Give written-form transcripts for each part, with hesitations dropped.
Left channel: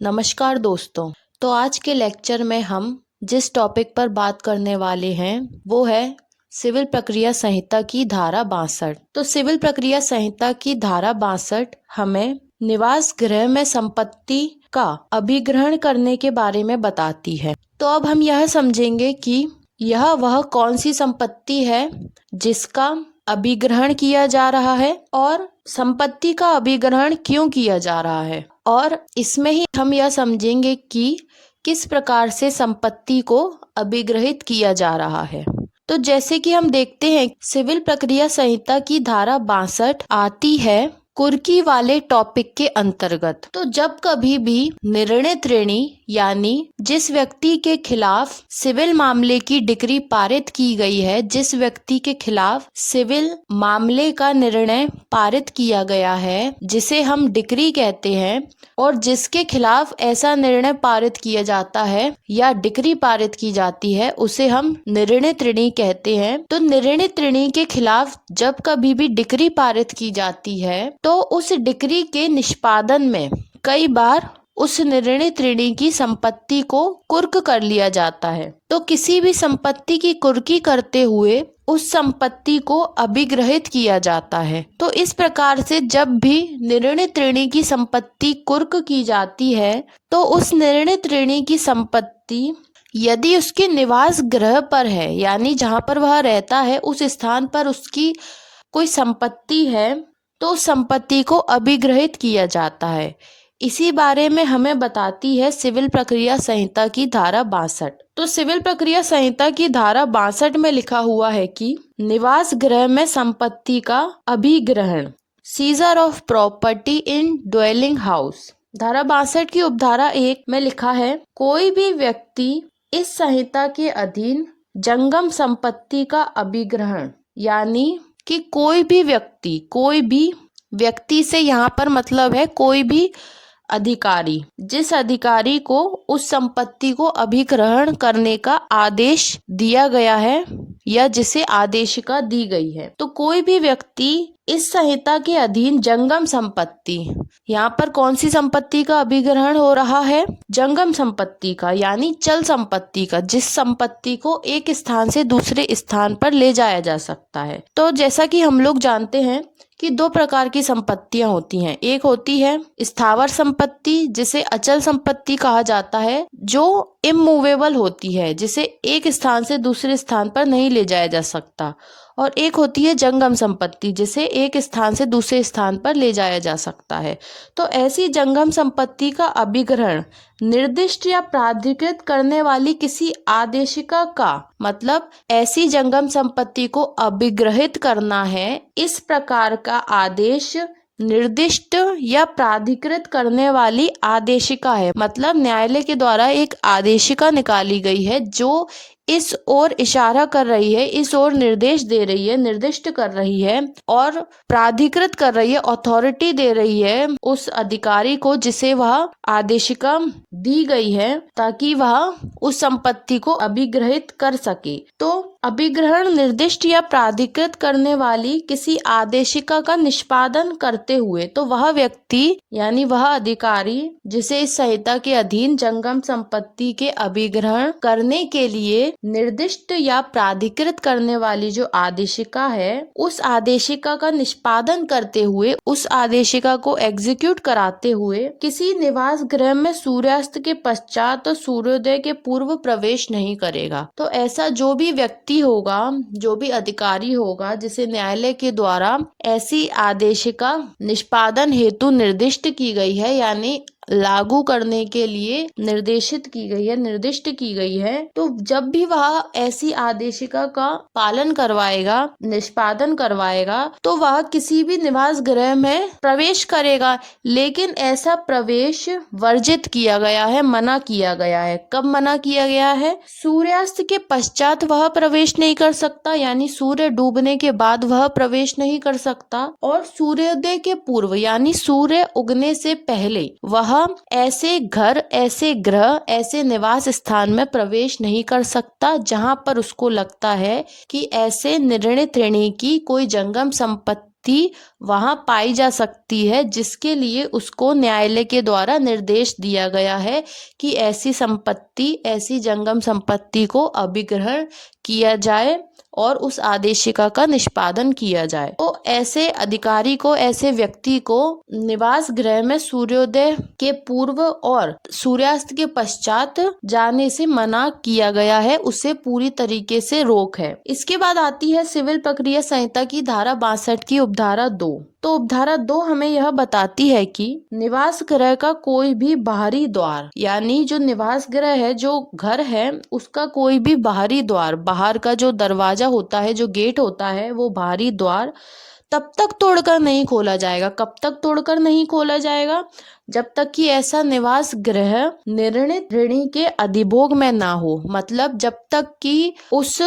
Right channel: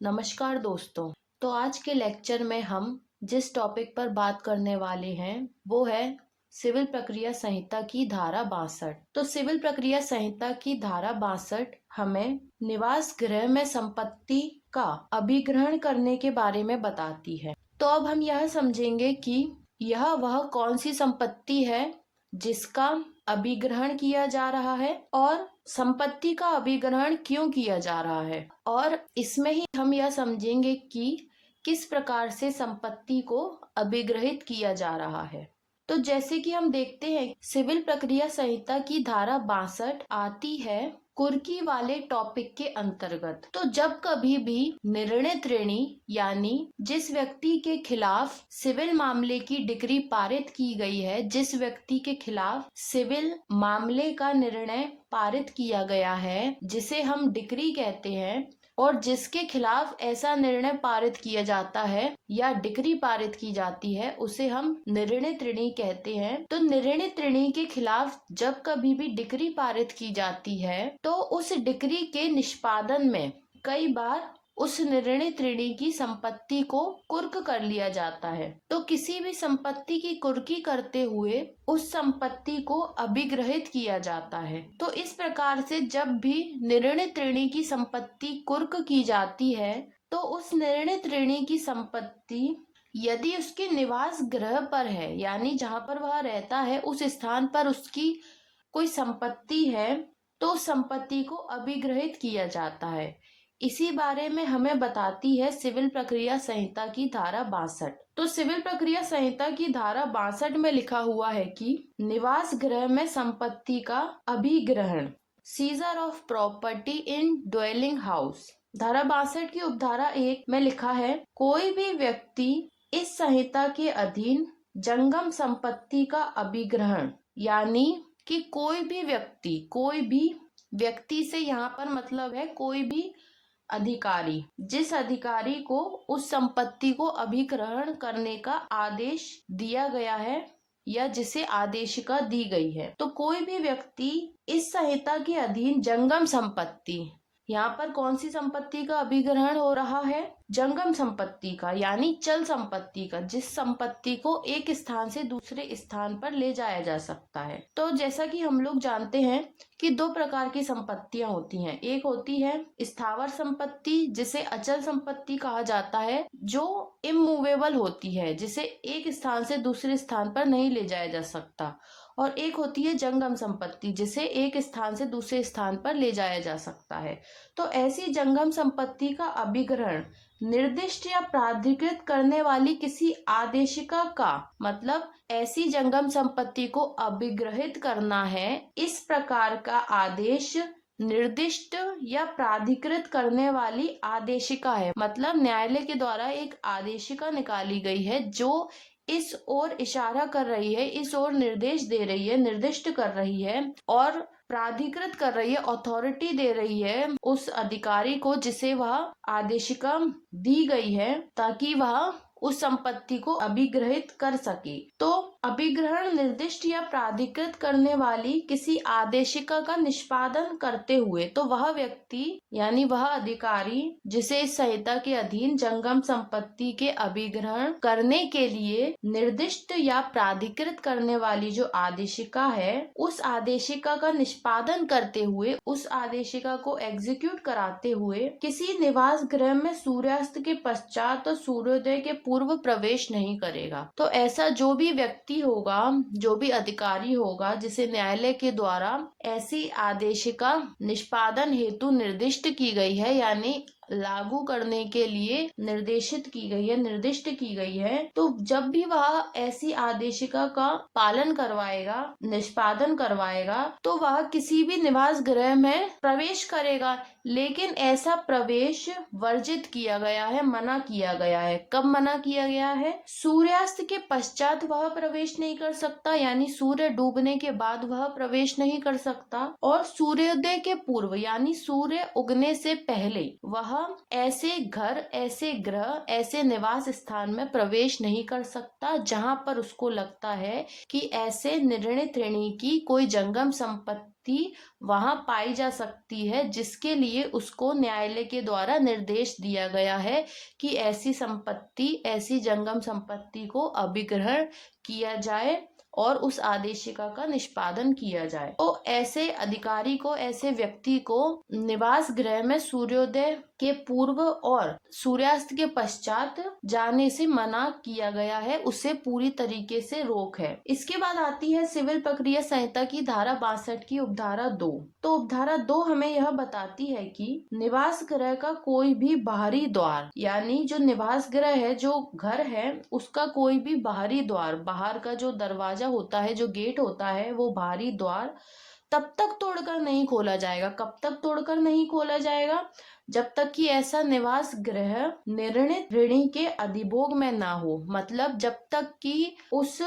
नमस्कार दोस्तों। तो आज के लेक्चर में हम जिस टॉपिक पर बात करने वाले हैं वो है सिविल प्रक्रिया संहिता की धारा 62। तो सिविल प्रक्रिया संहिता की धारा 62 हमें निवास गृह में संपत्ति का अभिग्रहण करने के बारे में बताती है। तो अब हम यह समझेंगे कि यह वह कौन सी संपत्ति है जिसका अभिग्रहण किया जा रहा है और संपत्ति का अभिग्रहण क्यों किया जा रहा है, और इसमें ही हम यह समझेंगे कि किस प्रकार से संपत्ति को अभिग्रहित किया जा रहा है। तो जैसे कि हम देखते हैं, सिविल प्रक्रिया संहिता की धारा 62 आती है कुर्की वाले टॉपिक के अंतर्गत। तो जब कभी भी निर्णित ऋणी यानी जिस व्यक्ति के खिलाफ सिविल मामले की डिक्री पारित की गई है, जिस व्यक्ति के खिलाफ सिविल मामले का निर्णय पारित किया गया है, जिसे हम डिक्री कहते हैं, और जिसके खिलाफ ऐसा निर्णय पारित किया जाता है या डिक्री पारित की जाती है, उसे हम निर्णित ऋणी कहते हैं। तो निर्णित ऋणी के खिलाफ जब कभी भी डिक्री पारित की जाती है तो उस डिक्री के निष्पादन में कई बार उस निर्णित ऋणी की संपत्ति को कुर्क कर लिया जाता है। तो किसी भी संपत्ति की कुर्की करते हुए उस संपत्ति को अभिग्रहित किया जाता है। तो इस प्रकार से जब भी निर्णित ऋणी की संपत्ति कुर्क की जाती है तो उस निर्णित ऋणी की संपत्ति यदि उसके निवास गृह पर है, यानी जहाँ पर वह रहता है उस स्थान पर उसकी कोई संपत्ति है, तो संपत्ति को अभिग्रहित किया जाता है। इसी बारे में हमें बताती है सिविल प्रक्रिया संहिता की धारा 62। तो सिविल प्रक्रिया संहिता की धारा 62 में लिखा हुआ है कि निवास गृह में संपत्ति का अभिग्रहण, seizure of property in dwelling house. धारा 62 की उपधारा 1 में लिखा है, कोई भी व्यक्ति इस संहिता के अधीन जंगम संपत्ति का अभिग्रहण, यानी कि कोई भी व्यक्ति से यहाँ पर मतलब है कोई भी अधिकारी, जिस अधिकारी को उस संपत्ति को अभिग्रहण करने का आदेश दिया गया है या जिसे आदेशिका दी गई है, तो कोई भी व्यक्ति इस संहिता के अधीन जंगम संपत्ति, यहाँ पर कौन सी संपत्ति का अभिग्रहण हो रहा है? जंगम संपत्ति का, यानी चल संपत्ति का, जिस संपत्ति को एक स्थान से दूसरे स्थान पर ले जाया जा सकता है। तो जैसा कि हम लोग जानते हैं कि दो प्रकार की संपत्तियां होती हैं। एक होती है स्थावर संपत्ति, जिसे अचल संपत्ति कहा जाता है, जो इमूवेबल होती है, जिसे एक स्थान से दूसरे स्थान पर नहीं ले जाया जा सकता। और एक होती है जंगम संपत्ति, जिसे एक स्थान से दूसरे स्थान पर ले जाया जा सकता है। तो ऐसी जंगम संपत्ति का अभिग्रहण निर्दिष्ट या प्राधिकृत करने वाली किसी आदेशिका का, मतलब ऐसी जंगम संपत्ति को अभिग्रहित करना है, इस प्रकार का आदेश निर्दिष्ट या प्राधिकृत करने वाली आदेशिका है। मतलब न्यायालय के द्वारा एक आदेशिका निकाली गई है जो इस ओर इशारा कर रही है, इस ओर निर्देश दे रही है, निर्दिष्ट कर रही है और प्राधिकृत कर रही है, अथॉरिटी दे रही है उस अधिकारी को जिसे वह आदेशिका दी गई है, ताकि वह उस संपत्ति को अभिग्रहित कर सके। तो अभिग्रहण निर्दिष्ट या प्राधिकृत करने वाली किसी आदेशिका का निष्पादन करते हुए, तो वह व्यक्ति यानी वह अधिकारी जिसे इस संहिता के अधीन जंगम संपत्ति के अभिग्रहण करने के लिए निर्दिष्ट या प्राधिकृत करने वाली जो आदेशिका है, उस आदेशिका का निष्पादन करते हुए, उस आदेशिका को एग्जीक्यूट कराते हुए किसी निवास गृह में सूर्यास्त के पश्चात तो सूर्योदय के पूर्व प्रवेश नहीं करेगा। तो ऐसा जो भी व्यक्ति होगा, जो भी अधिकारी होगा, जिसे न्यायालय के द्वारा ऐसी आदेशिका निष्पादन हेतु निर्दिष्ट की गई है, यानी लागू करने के लिए निर्देशित की गई है, निर्दिष्ट की गई है, तो जब भी वह ऐसी आदेशिका का पालन करवाएगा, निष्पादन करवाएगा, तो वह किसी भी निवास गृह में प्रवेश करेगा। लेकिन ऐसा प्रवेश वर्जित किया गया है, मना किया गया है। कब मना किया गया है? सूर्यास्त के पश्चात वह प्रवेश नहीं कर सकता, यानी सूर्य डूबने के बाद वह प्रवेश नहीं कर सकता, और सूर्योदय के पूर्व यानी सूर्य उगने से पहले वह ऐसे घर, ऐसे गृह, ऐसे निवास स्थान में प्रवेश नहीं कर सकता जहां पर उसको लगता है कि ऐसे निर्णित ऋणी की कोई जंगम संपत्ति संपत्ति वहां पाई जा सकती है, जिसके लिए उसको न्यायालय के द्वारा निर्देश दिया गया है कि ऐसी संपत्ति, ऐसी जंगम संपत्ति को अभिग्रहण किया जाए और उस आदेशिका का निष्पादन किया जाए। तो ऐसे अधिकारी को, ऐसे व्यक्ति को निवास गृह में सूर्योदय के पूर्व और सूर्यास्त के पश्चात जाने से मना किया गया है, उसे पूरी तरीके से रोक है। इसके बाद आती है सिविल प्रक्रिया संहिता की धारा 62 की उपधारा 2। तो उपधारा 2 हमें यह बताती है कि निवास गृह का कोई भी बाहरी द्वार, यानी जो निवास गृह है, जो घर है, उसका कोई भी बाहरी द्वार, बाहर का जो दरवाजा होता है, जो गेट होता है, वो बाहरी द्वार तब तक तोड़कर नहीं खोला जाएगा। कब तक तोड़कर नहीं खोला जाएगा? जब तक कि ऐसा निवास गृह निर्णित ऋणी के अधिभोग में ना हो। मतलब जब तक कि उस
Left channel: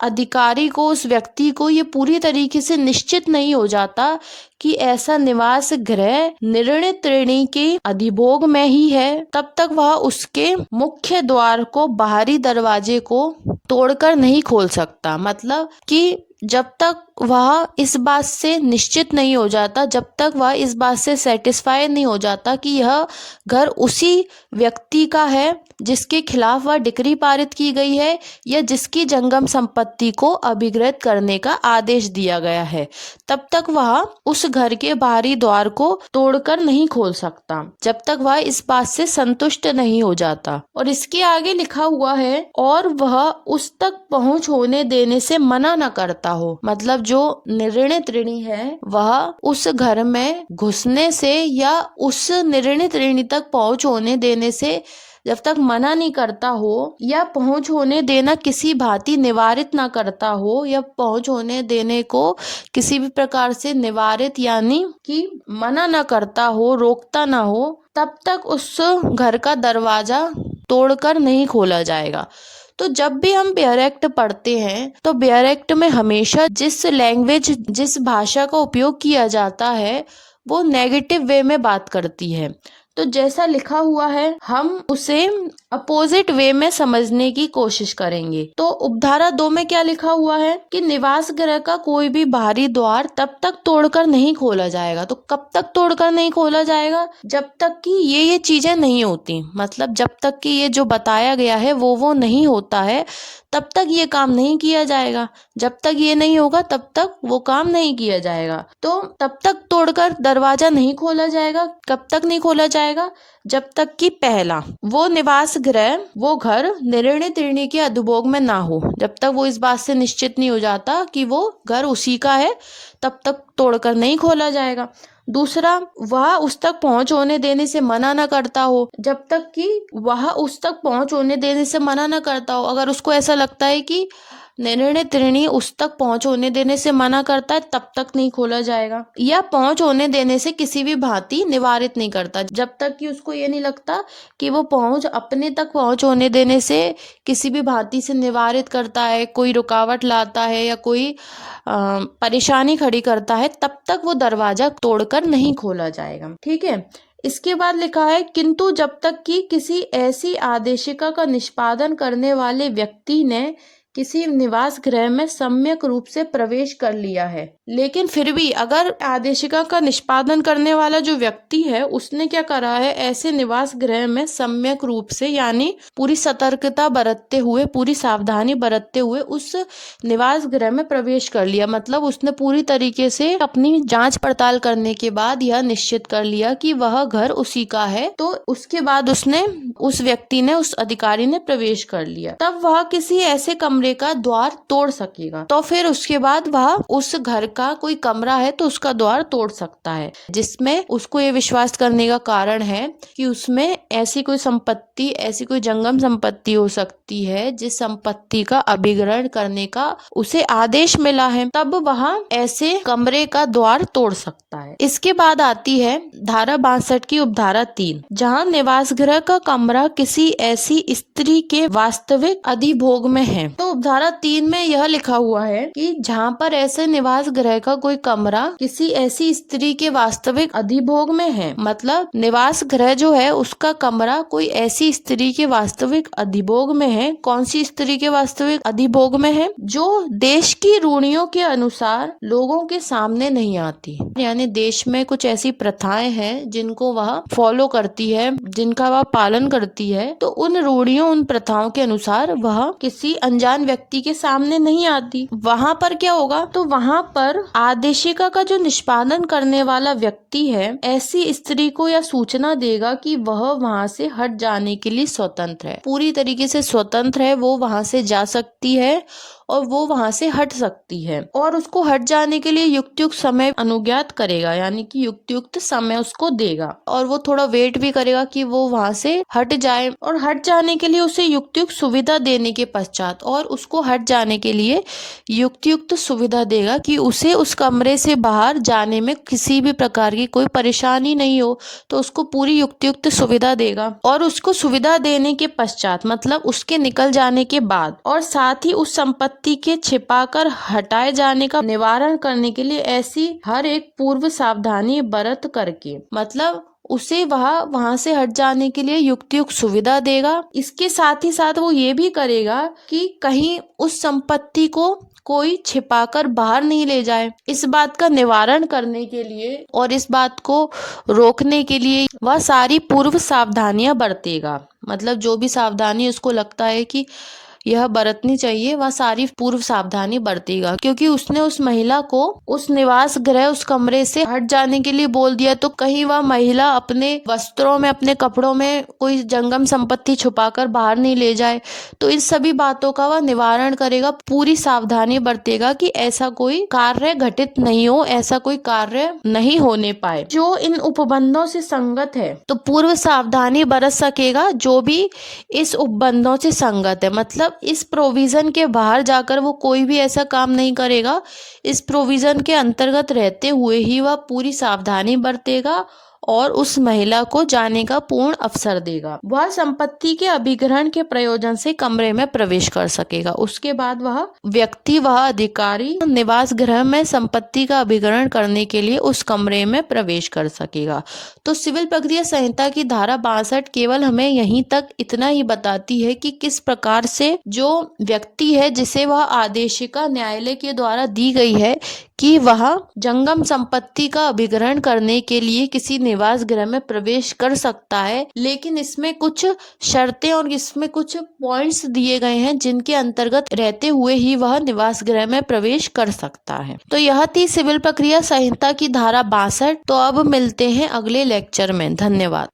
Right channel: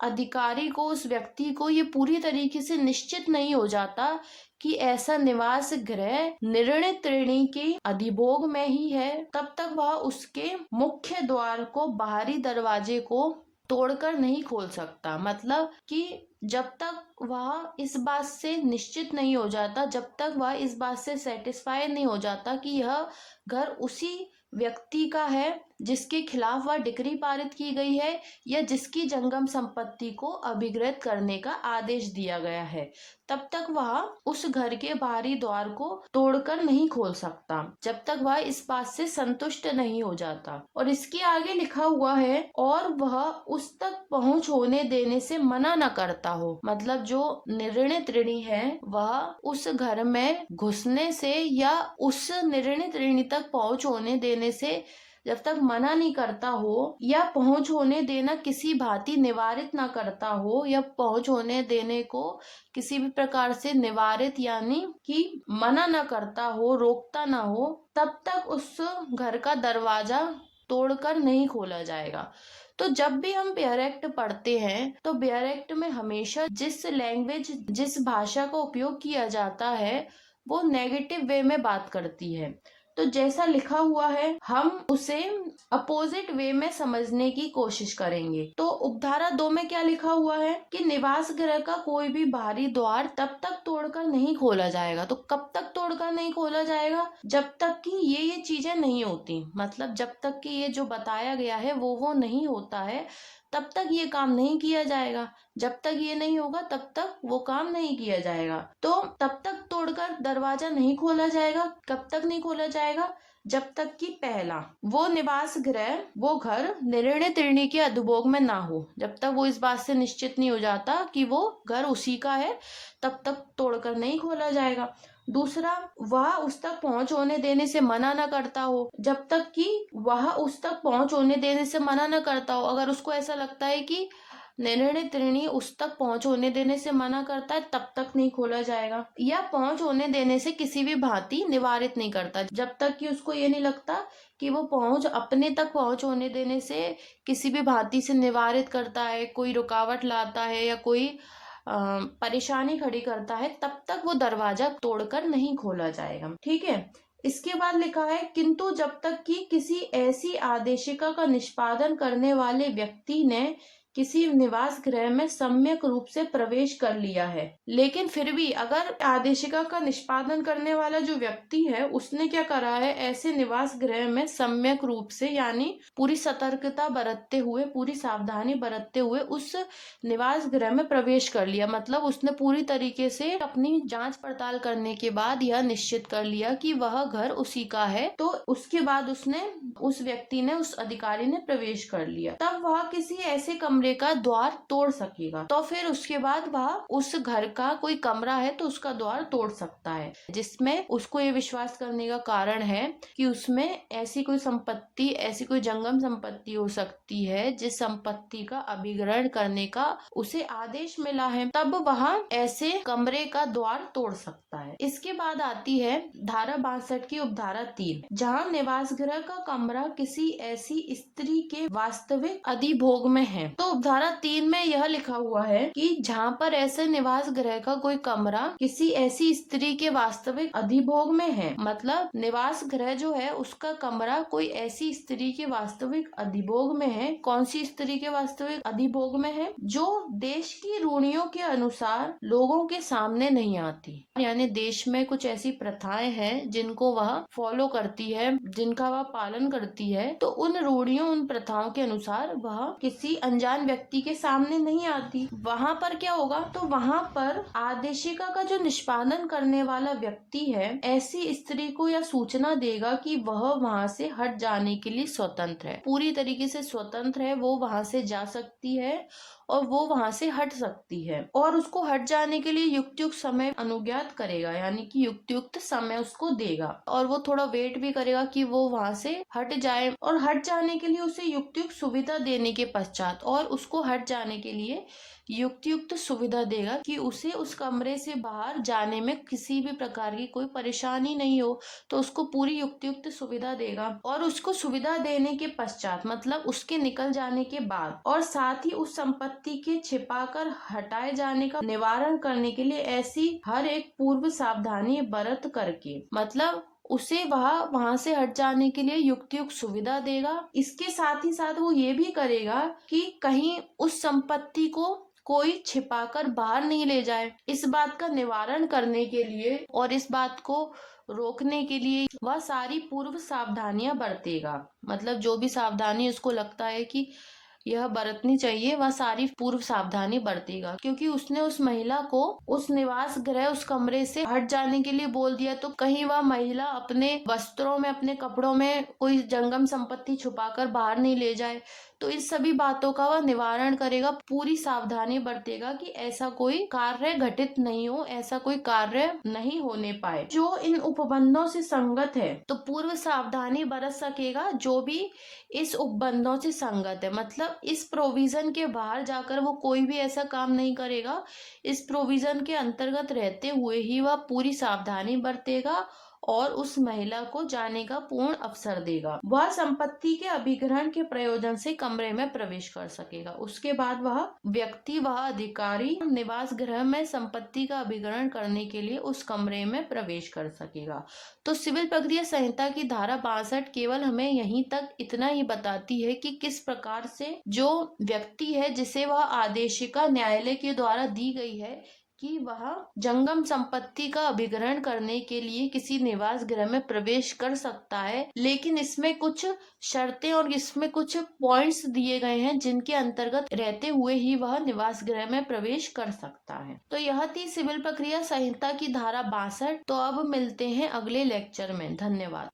अधिकारी को, उस व्यक्ति को ये पूरी तरीके से निश्चित नहीं हो जाता कि ऐसा निवास गृह निर्णित ऋणी के अधिभोग में ही है, तब तक वह उसके मुख्य द्वार को, बाहरी दरवाजे को तोड़कर नहीं खोल सकता। मतलब कि जब तक वह इस बात से निश्चित नहीं हो जाता, जब तक वह इस बात से सेटिस्फाई नहीं हो जाता कि यह घर उसी व्यक्ति का है जिसके खिलाफ वह डिक्री पारित की गई है या जिसकी जंगम संपत्ति को अभिग्रहित करने का आदेश दिया गया है, तब तक वह उस घर के बाहरी द्वार को तोड़कर नहीं खोल सकता, जब तक वह इस बात से संतुष्ट नहीं हो जाता। और इसके आगे लिखा हुआ है, और वह उस तक पहुंच होने देने से मना न करता हो। मतलब जो निर्णित ऋणी है, वह उस घर में घुसने से या उस निर्णित ऋणी तक पहुंच होने देने से जब तक मना नहीं करता हो, या पहुंच होने देना किसी भांति निवारित ना करता हो, या पहुंच होने देने को किसी भी प्रकार से निवारित यानी कि मना ना करता हो, रोकता ना हो, तब तक उस घर का दरवाजा तोड़कर नहीं खोला जाएगा। तो जब भी हम बेयर एक्ट पढ़ते हैं, तो बेयर एक्ट में हमेशा जिस लैंग्वेज, जिस भाषा का उपयोग किया जाता है, वो नेगेटिव वे में बात करती है। तो जैसा लिखा हुआ है, हम उसे अपोजिट वे में समझने की कोशिश करेंगे। तो उपधारा 2 में क्या लिखा हुआ है कि निवास गृह का कोई भी बाहरी द्वार तब तक तोड़कर नहीं खोला जाएगा। तो कब तक तोड़कर नहीं खोला जाएगा? जब तक कि ये चीजें नहीं होती। मतलब जब तक कि ये जो बताया गया है वो नहीं होता है, तब तक ये काम नहीं किया जाएगा। जब तक ये नहीं होगा तब तक वो काम नहीं किया जाएगा। तो तब तक तोड़कर दरवाजा नहीं खोला जाएगा। कब तक नहीं खोला जाएगा? जब तक कि पहला, वो निवास गृह, वो घर निर्णित ऋणी के अधिभोग में ना हो। जब तक वो इस बात से निश्चित नहीं हो जाता कि वो घर उसी का है, तब तक तोड़कर नहीं खोला जाएगा। दूसरा, वह उस तक पहुंच होने देने से मना न करता हो। जब तक कि वह उस तक पहुंच होने देने से मना न करता हो, अगर उसको ऐसा लगता है कि निर्णित ऋणी उस तक पहुंच होने देने से मना करता है, तब तक नहीं खोला जाएगा। या पहुंच होने देने से किसी भी भांति निवारित नहीं करता, जब तक कि उसको ये नहीं लगता कि वो पहुंच, अपने तक पहुंच होने देने से किसी भी भांति से निवारित करता है, कोई रुकावट लाता है या कोई परेशानी खड़ी करता है, तब तक वो दरवाजा तोड़कर नहीं खोला जाएगा। ठीक है। इसके बाद लिखा है, किंतु जब तक कि किसी ऐसी आदेशिका का निष्पादन करने वाले व्यक्ति ने किसी निवास गृह में सम्यक रूप से प्रवेश कर लिया है। लेकिन फिर भी अगर आदेशिका का निष्पादन करने वाला जो व्यक्ति है, उसने क्या करा है, ऐसे निवास गृह में सम्यक रूप से यानी पूरी सतर्कता बरतते हुए, पूरी सावधानी बरतते हुए उस निवास गृह में प्रवेश कर लिया। मतलब उसने पूरी तरीके से अपनी जांच पड़ताल करने के बाद यह निश्चित कर लिया कि वह घर उसी का है। तो उसके बाद उस व्यक्ति ने, उस अधिकारी ने प्रवेश कर लिया, तब वह किसी ऐसे कमरे का द्वार तोड़ सकेगा। तो फिर उसके बाद वह उस घर का कोई कमरा है तो उसका द्वार तोड़ सकता है, जिसमें उसको ये विश्वास करने का कारण है कि उसमें ऐसी कोई संपत्ति, ऐसी कोई जंगम संपत्ति हो सकती है जिस संपत्ति का अभिग्रहण करने का उसे आदेश मिला है, तब वह ऐसे कमरे का द्वार तोड़ सकता है। इसके बाद आती है धारा 62 की उपधारा 3, जहाँ निवास गृह का कमरा किसी ऐसी स्त्री के वास्तविक अधिभोग में है। तो उपधारा 3 में यह लिखा हुआ है कि जहाँ पर ऐसे निवास गृह का कोई कमरा किसी ऐसी स्त्री के वास्तविक अधिभोग में है, मतलब निवास गृह जो है उसका कमरा कोई ऐसी स्त्री के वास्तविक अधिभोग में है। कौन सी स्त्री के वास्तविक अधिभोग में है? जो देश की रूढ़ियों के अनुसार लोगों के सामने नहीं आती, यानी देश में कुछ ऐसी प्रथाएं हैं जिनको वह फॉलो करती है, जिनका वह पालन करती है, तो उन रूढ़ियों उन प्रथाओं के अनुसार वह किसी अनजान व्यक्ति के सामने नहीं आती। वहाँ पर क्या होगा? तो वहाँ पर आदेशिका का जो निष्पादन करने वाला व्यक्ति है ऐसी स्त्री को यह सूचना देगा कि वह वहाँ से हट जाने के लिए स्वतंत्र है, पूरी तरीके से स्वतंत्र है, वो वहाँ से जा सकती है और वो वहाँ से हट सकती है, और उसको हट जाने के लिए युक्त समय अनुज्ञात करेगा, यानी कि युक्त समय उसको देगा, और वो थोड़ा वेट भी करेगा कि वो वहाँ से हट जाए, और हट जाने के लिए उसे युक्त सुविधा देने के पश्चात, और उसको हट जाने के लिए युक्त सुविधा देगा कि उसे उस कमरे से बाहर जाने में किसी भी प्रकार की कोई परेशानी नहीं हो, तो उसको पूरी युक्त सुविधा देगा। और उसको सुविधा देने के पश्चात, मतलब उसके निकल जाने के बाद, और साथ ही उस संपत्ति के छिपाकर हटाए जाने का निवारण करने के लिए ऐसी हर एक पूर्व सावधानी बरत करके, मतलब उसे वहाँ से हट जाने के लिए युक्त सुविधा देगा। इसके साथ ही साथ वो ये भी करेगा कि कहीं उस संपत्ति को कोई छिपाकर बाहर नहीं ले जाए। इस बात का निवारण करने के लिए और इस बात को रोकने के लिए वह सारी पूर्व सावधानियां बरतेगा, मतलब जो भी सावधानी उसको लगता है कि यह बरतनी चाहिए वह सारी पूर्व सावधानी बरतेगा, क्योंकि उसने उस महिला को उस निवास गृह उस कमरे से हट जाने के लिए बोल दिया, तो कहीं वह महिला अपने वस्त्रों में अपने कपड़ों में कोई जंगम संपत्ति छुपाकर बाहर नहीं ले जाए। तो इन सभी बातों का वह निवारण करेगा, पूरी सावधानी बरतेगा कि ऐसा कोई कार्य घटित नहीं हो, ऐसा कोई कार्य नहीं होने पाए जो इन उपबंधों से संगत है। तो पूर्व सावधानी बरत सकेगा जो भी इस उपबंधों से संगत है, मतलब इस प्रोविजन के बाहर जाकर वो कोई भी ऐसा काम नहीं करेगा। इस प्रोविजन के अंतर्गत रहते हुए ही वह पूरी सावधानी बरतेगा और उस महिला को जाने का पूर्ण अवसर देगा। वह संपत्ति के अभिग्रहण के प्रयोजन से कमरे में प्रवेश कर सकेगा। उसके बाद वह व्यक्ति, वह अधिकारी निवास गृह में संपत्ति का अभिग्रहण करने के लिए उस कमरे में प्रवेश कर सकेगा। तो सिविल प्रक्रिया संहिता की धारा 62 केवल हमें यहीं तक इतना ही बताती है कि किस प्रकार से जो व्यक्ति है जिसे वह आदेशिका न्यायालय के द्वारा दी गई है कि वह जंगम संपत्ति का अभिग्रहण करने के लिए किसी निवास गृह में प्रवेश कर सकता है, लेकिन इसमें कुछ शर्तें और इसमें कुछ पॉइंट्स दिए गए हैं जिनके अंतर्गत रहते हुए ही वह निवास गृह में प्रवेश कर सकता है। तो यह थी सिविल प्रक्रिया संहिता की धारा 62। तो अब मिलते हैं अगले लेक्चर में। धन्यवाद।